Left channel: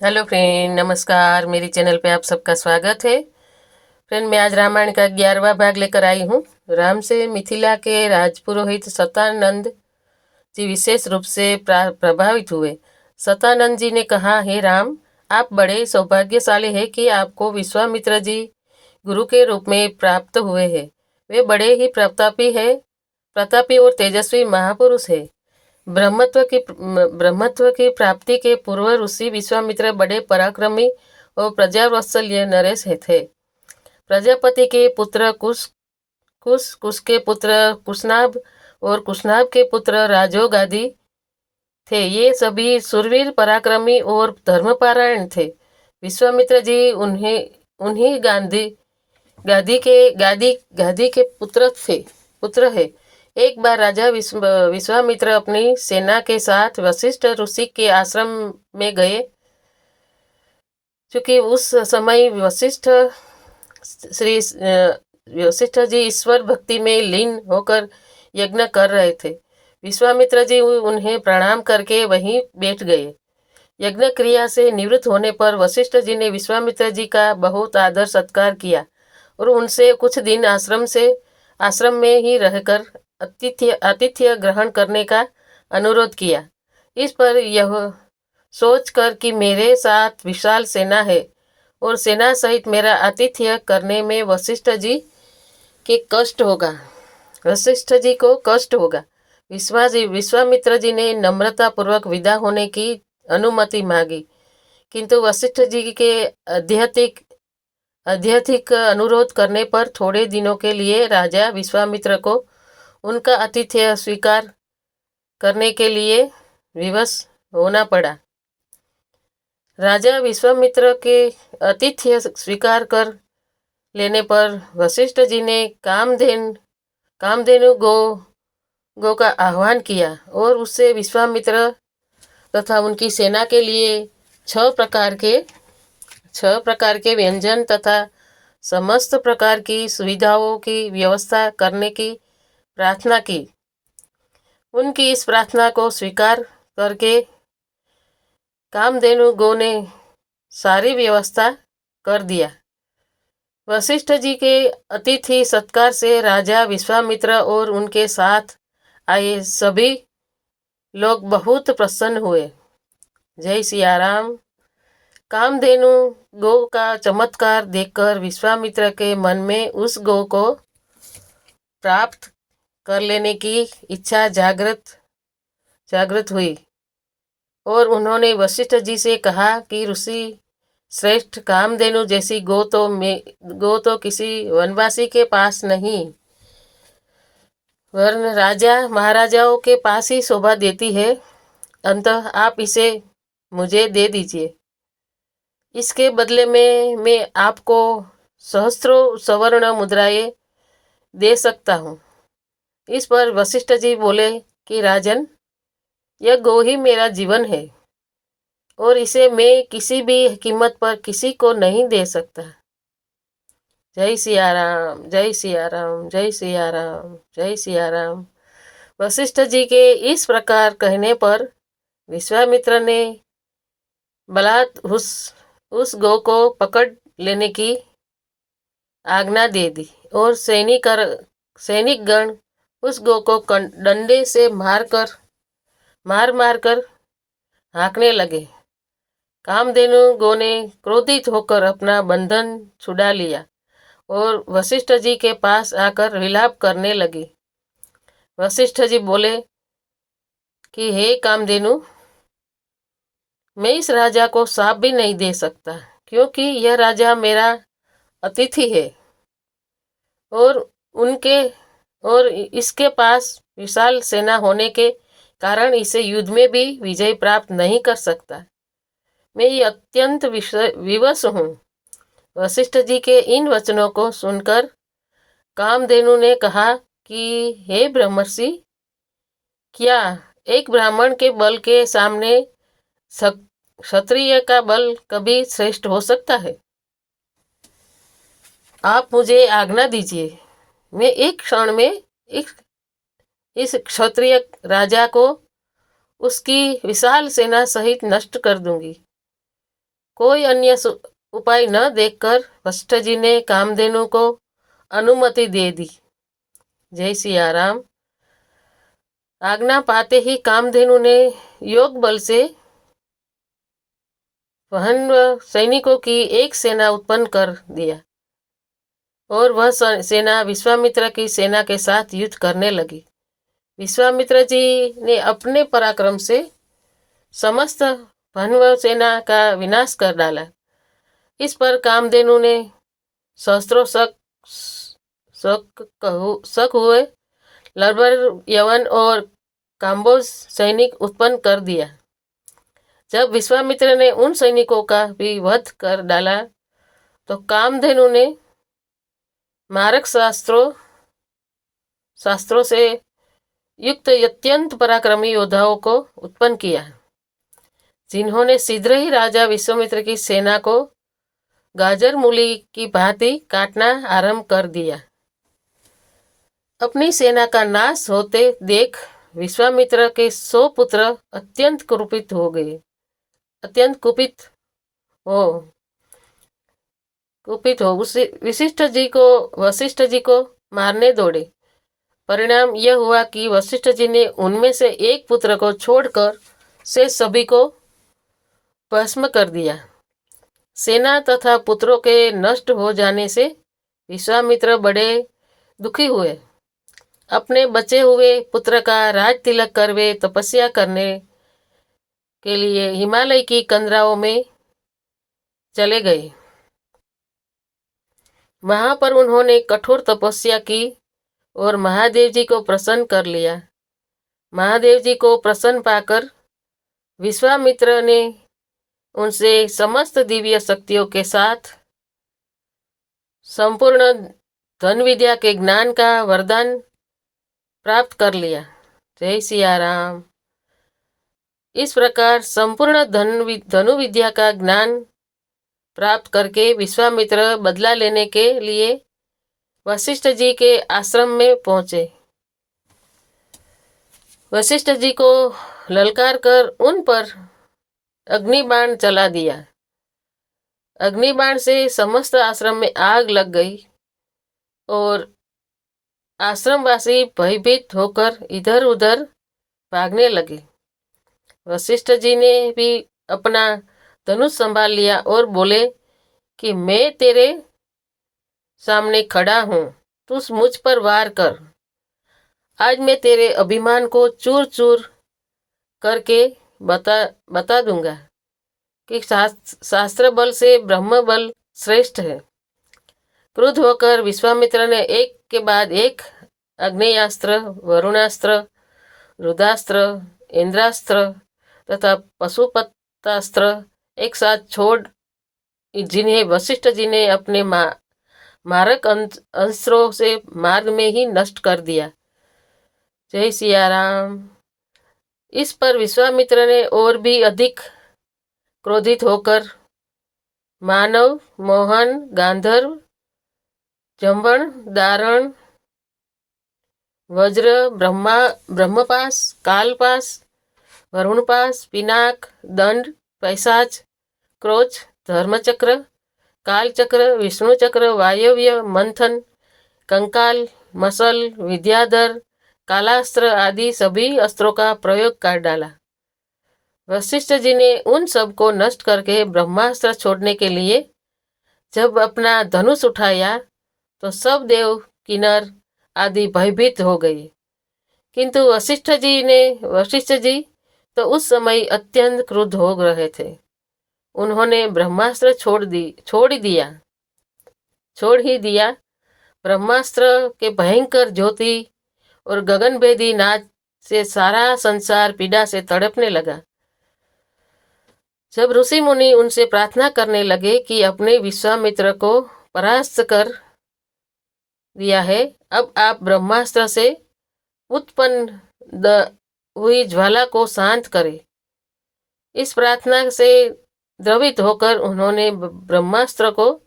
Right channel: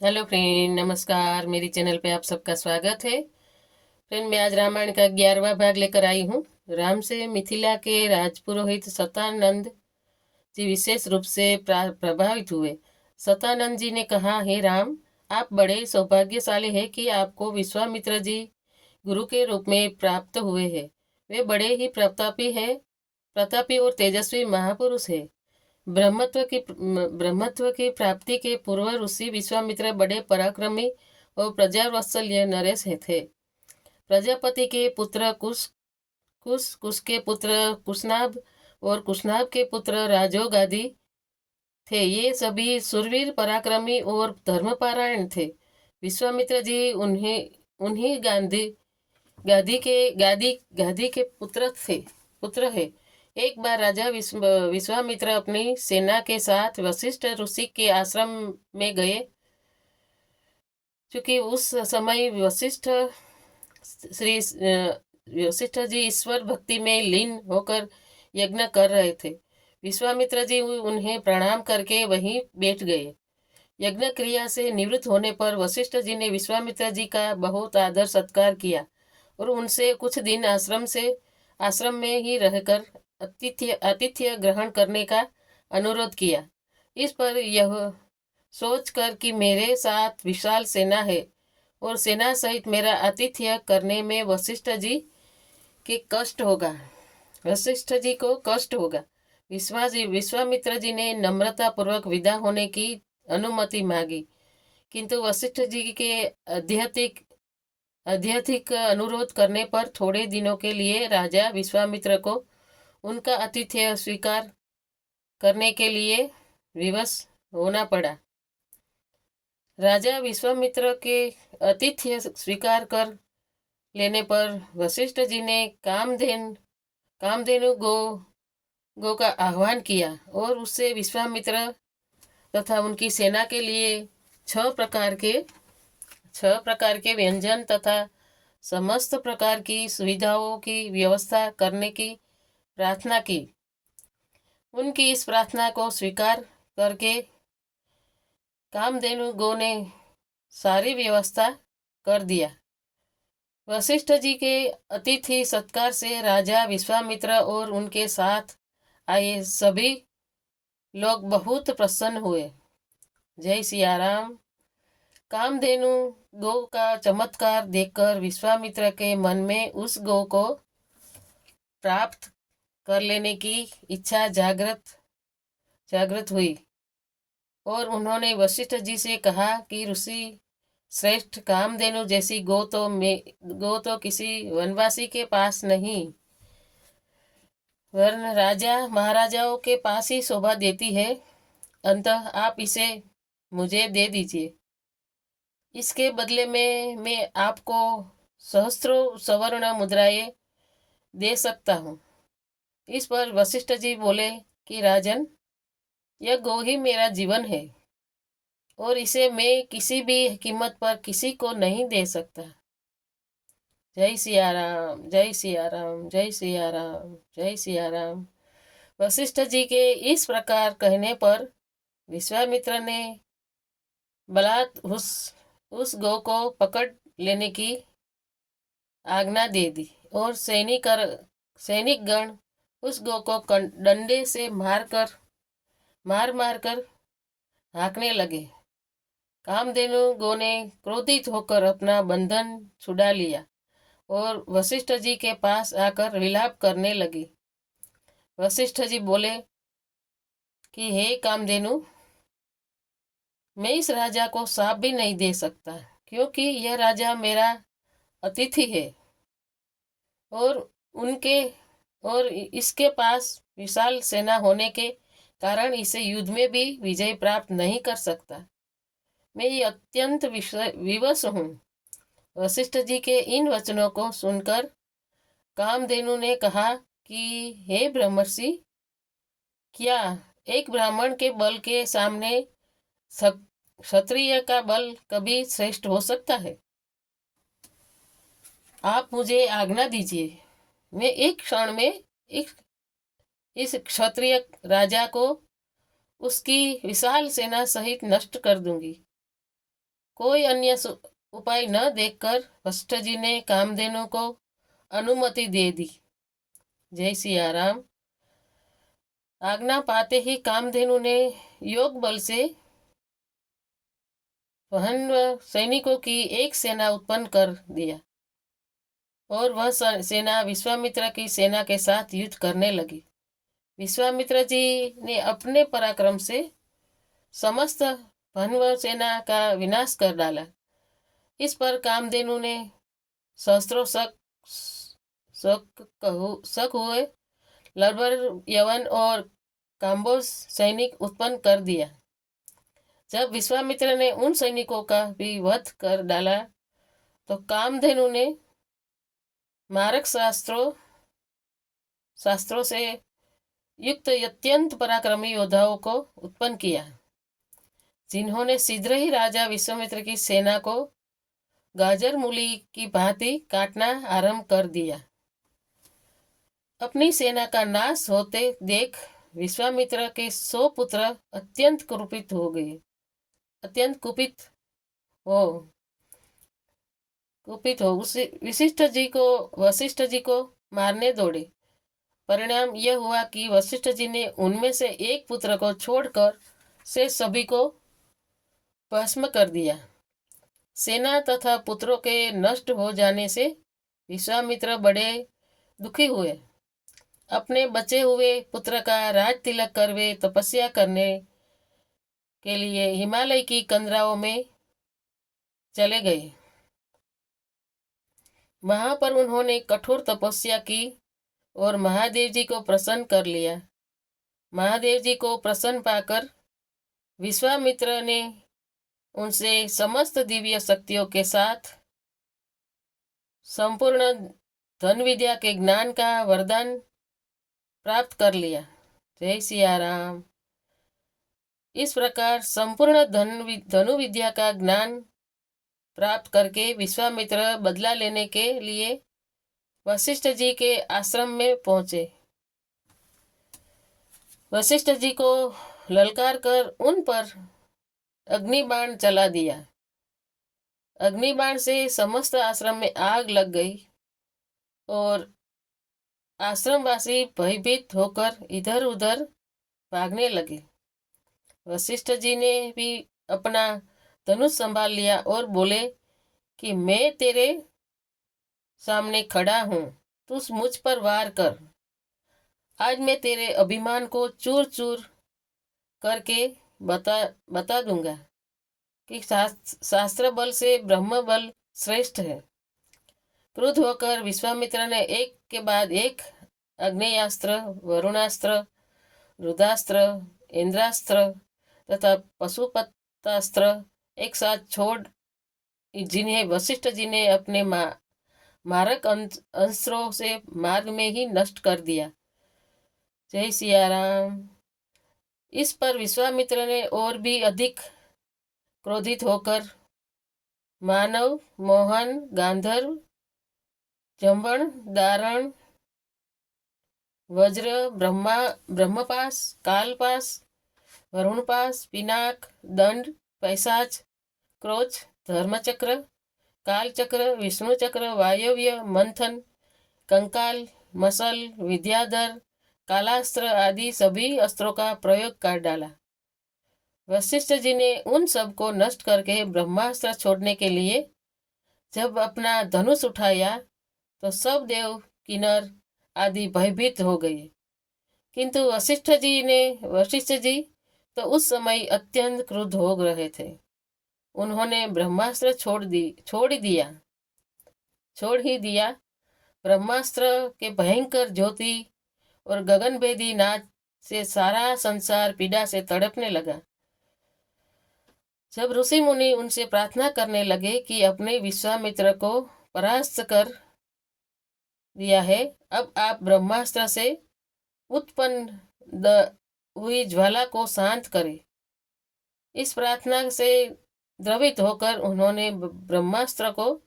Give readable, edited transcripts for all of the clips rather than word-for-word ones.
Hello friend, नमस्कार। मेरी channel पे आप सबका स्वागत है। फ्रेंड, मैं आज रामायण का 11वां भाग लेकर आई हूँ। राम से मिथिला के राजपुरोहित सतानंद जी विशेष रूप से प्रभावित हुए। सतानंद जी ने कहा, हे राम, आप बड़े सौभाग्यशाली हैं कि आपको विश्वामित्र जी गुरु के रूप में प्राप्त हुए हैं। वे बड़े ही प्रतापी और तेजस्वी महापुरुष है। ब्रह्मत्व की प्राप्ति के पूर्व ऋषि विश्वामित्र बड़े पराक्रमी और प्रजावत्सल्य नरेश थे। प्रजापति के पुत्र कुश के पुत्र कुशनाभ और कुशनाभ के पुत्र राजोगादी थे। ये सभी सुरवीर, पराक्रमी और धर्मपरायण थे। विश्वामित्र जी उन्हें उन्हीं गादी के पुत्र है। एक बार राजा विश्वामित्र अपनी सेना के साथ वशिष्ठ ऋषि के आश्रम में गए। क्योंकि उस समय वशिष्ठ जी ईश्वर भक्ति में लीन होकर यज्ञ कर रहे थे। विश्वामित्र जी उन्हें प्रणाम करके वहीं बैठ गए। यज्ञ क्रिया से निवृत्त होने पर वशिष्ठ जी ने विश्वामित्र जी का बहुत आदर सत्कार किया और उनसे कुछ दिन आश्रम में ही रहकर आतिथ्य ग्रहण करने का अनुरोध किया। इस पर यह सोचकर कि मेरे साथ विशाल सेना है और सेना सहित मेरा आतिथ्य करने में वशिष्ठ जी को कष्ट होगा। विश्वामित्र जी ने नम्रता पूर्वक विदा होने की अनुमति मांगी, किंतु वशिष्ठ जी के अत्यधिक अनुरोध करने पर थोड़े दिनों के लिए राजा विश्वामित्र को उनका आतिथ्य स्वीकार करने के लिए विवश होना पड़ा। राजा विश्वामित्र के आतिथ्य स्वीकार कर लेने पर वशिष्ठ जी ने कामधेनु गो का आह्वान किया और उससे विश्वामित्र तथा उनकी सेना के लिए 6 प्रकार के व्यंजन तथा समस्त प्रकार की सुविधाओं की व्यवस्था करने की प्रार्थना की। उनकी इस प्रार्थना को स्वीकार करके कामधेनु गो ने सारी व्यवस्था कर दिया। वशिष्ठ जी के अतिथि सत्कार से राजा विश्वामित्र और उनके साथ आए सभी लोग बहुत प्रसन्न हुए। जय सिया राम। कामधेनु गो का चमत्कार देखकर विश्वामित्र के मन में उस गो को प्राप्त कर लेने की इच्छा जागृत हुई और उन्होंने वशिष्ठ जी से कहा कि ऋषि श्रेष्ठ, कामधेनु जैसी गो तो किसी वनवासी के पास नहीं, वरन राजा महाराजाओं के पास ही शोभा देती है। अतः आप इसे मुझे दे दीजिए। इसके बदले में मैं आपको सहस्त्रों सवर्ण मुद्राएं दे सकता हूँ। इस पर वशिष्ठ जी बोले कि राजन, यह गो ही मेरा जीवन है और इसे मैं किसी भी कीमत पर किसी को नहीं दे सकता। जय सिया राम, जय सिया राम, जय सिया राम, जय सिया राम। वशिष्ठ जी के इस प्रकार कहने पर विश्वामित्र ने बलात् उस गो को पकड़ लेने की आज्ञा दे दी और सैनिक गण उस गो को डंडे से मार कर हाँकने लगे। कामधेनु गो ने क्रोधित होकर अपना बंधन छुड़ा लिया और वशिष्ठ जी के पास आकर विलाप करने लगी। वशिष्ठ जी बोले कि हे कामधेनु, मैं इस राजा को श्राप भी नहीं दे सकता, क्योंकि यह राजा मेरा अतिथि है और उनके और इसके पास विशाल सेना होने के कारण इसे युद्ध में भी विजय प्राप्त नहीं कर सकता। मैं ये अत्यंत विवश हूँ। वशिष्ठ जी के इन वचनों को सुनकर कामधेनु ने कहा कि हे ब्रह्मर्षि, क्या एक ब्राह्मण के बल के सामने क्षत्रिय का बल कभी श्रेष्ठ हो सकता है? आप मुझे आज्ञा दीजिए, मैं एक क्षण में इस क्षत्रिय राजा को उसकी विशाल सेना सहित नष्ट कर दूंगी। कोई अन्य उपाय न देखकर वशिष्ठ जी ने कामधेनु को अनुमति दे दी। जय सिया राम। आज्ञा पाते ही कामधेनु ने योग बल से वहन सैनिकों की एक सेना उत्पन्न कर दिया और वह सेना विश्वामित्र की सेना के साथ युद्ध करने लगी। विश्वामित्र जी ने अपने पराक्रम से समस्त भनव सेना का विनाश कर डाला। इस पर कामधेनु ने सहस्त्रों शक हुए लरबर, यवन और काम्बोज सैनिक उत्पन्न कर दिया। जब विश्वामित्र ने उन सैनिकों का भी वध कर डाला तो कामधेनु ने मारक शास्त्रों से युक्त अत्यंत पराक्रमी योद्धाओं को उत्पन्न किया, जिन्होंने शीघ्र ही राजा विश्वामित्र की सेना को गाजर मूली की भांति काटना आरंभ कर दिया। अपनी सेना का नाश होते देख विश्वामित्र के 100 पुत्र अत्यंत कुपित हो गए। वशिष्ठ जी को मारने दौड़े। परिणाम यह हुआ कि वशिष्ठ जी ने उनमें से एक पुत्र को छोड़कर से सभी को भस्म कर दिया। सेना तथा पुत्रों के नष्ट हो जाने से विश्वामित्र बड़े दुखी हुए। अपने बचे हुए पुत्र का राज तिलक कर वे तपस्या करने के लिए हिमालय की कंदराओं में चले गए। वहां पर उन्होंने कठोर तपस्या की और महादेव जी को प्रसन्न कर लिया। महादेव जी को प्रसन्न पाकर विश्वामित्र ने उनसे समस्त दिव्य शक्तियों के साथ संपूर्ण धन विद्या के ज्ञान का वरदान प्राप्त कर लिया। जय सिया राम। इस प्रकार संपूर्ण धनु विद्या का ज्ञान प्राप्त करके विश्वामित्र बदला लेने के लिए वशिष्ठ जी के आश्रम में पहुंचे। वशिष्ठ जी को ललकार कर उन पर अग्निबाण चला दिया। अग्निबाण से समस्त आश्रम में आग लग गई और आश्रमवासी भयभीत होकर इधर उधर भागने लगे। वशिष्ठ जी ने भी अपना धनुष संभाल लिया और बोले कि मैं तेरे सामने खड़ा हूं, तू मुझ पर वार कर। आज मैं तेरे अभिमान को चूर चूर करके बता दूंगा कि शास्त्र बल से ब्रह्म बल श्रेष्ठ है। क्रुद्ध होकर विश्वामित्र ने एक के बाद एक अग्नेयास्त्र, वरुणास्त्र, रुद्रास्त्र, इंद्रास्त्र तथा पशुपतास्त्र एक साथ छोड़, जिन्हें वशिष्ठ जी ने अपने मारक अस्त्रों से मार्ग में ही नष्ट कर दिया। जय सिया राम। इस पर विश्वामित्र ने और भी अधिक क्रोधित होकर मानव, मोहन, गांधर्व, जंबन, दारण, वज्र, ब्रह्मपास, कालपास, वरुणपास, पिनाक, दंड, पैसाच, क्रोच, धर्मचक्र, कालचक्र, विष्णुचक्र, वायव्य, मंथन, कंकाल, मसल, विद्याधर, कालास्त्र आदि सभी अस्त्रों का प्रयोग कर डाला। वशिष्ठ जी ने उन सब को नष्ट करके ब्रह्मास्त्र छोड़ने के लिए जब अपना धनुष उठाया तो सब देव, किन्नर आदि भयभीत हो गए। किंतु वशिष्ठ जी तो उस समय अत्यंत क्रुद्ध हो रहे थे। उन्होंने ब्रह्मास्त्र छोड़ ही दिया। ब्रह्मास्त्र के भयंकर ज्योति और गगनभेदी नाद से सारा संसार पीड़ा से तड़पने लगा। जब ऋषि मुनि उनसे प्रार्थना करने लगे कि अपने विश्वामित्र को परास्त कर दिया है, अब आप ब्रह्मास्त्र से उत्पन्न हुई ज्वाला को शांत करें। इस प्रार्थना से द्रवित होकर उन्होंने ब्रह्मास्त्र को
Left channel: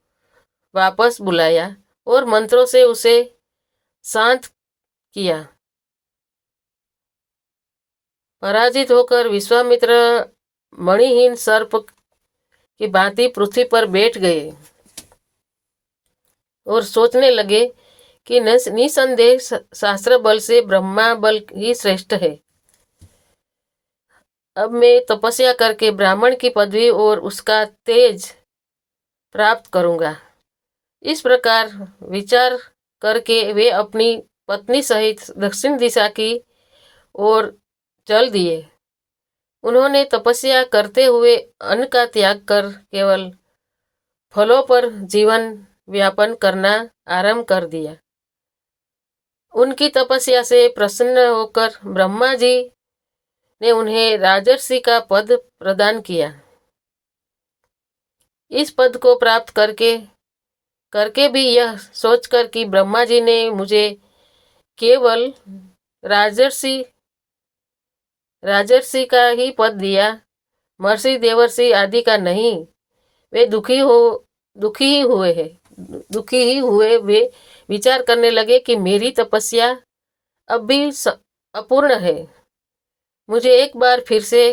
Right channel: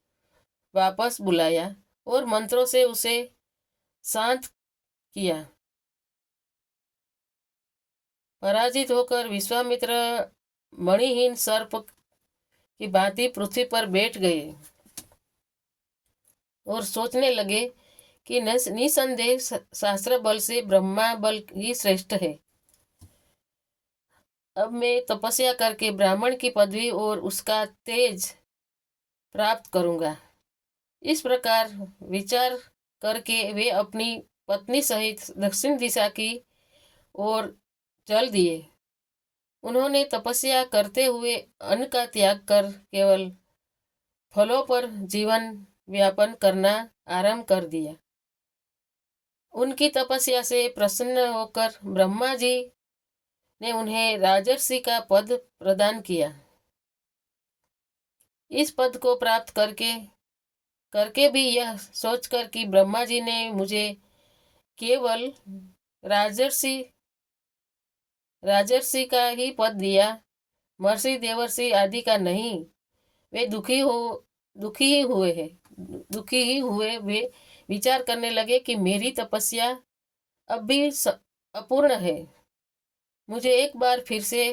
वापस बुलाया और मंत्रों से उसे शांत किया। पराजित होकर विश्वामित्र मणिहीन सर्प की भांति पृथ्वी पर बैठ गए और सोचने लगे कि निसंदेह शास्त्र बल से ब्रह्मा बल ही श्रेष्ठ है। अब मैं तपस्या करके ब्राह्मण की पदवी और उसका तेज प्राप्त करूंगा। इस प्रकार विचार करके वे अपनी पत्नी सहित दक्षिण दिशा की ओर चल दिए। उन्होंने तपस्या करते हुए अन्न का त्याग कर केवल फलों पर जीवन व्यापन करना आरंभ कर दिया। उनकी तपस्या से प्रसन्न होकर ब्रह्मा जी ने उन्हें राजर्षि का पद प्रदान किया। इस पद को प्राप्त करके करके भी यह सोचकर कि ब्रह्मा जी ने मुझे केवल राजर्षि राजर्षि का ही पद दिया, महर्षि देवर्षि आदि का नहीं, वे दुखी ही हुए। वे विचार करने लगे कि मेरी तपस्या अब भी अपूर्ण है। मुझे एक बार फिर से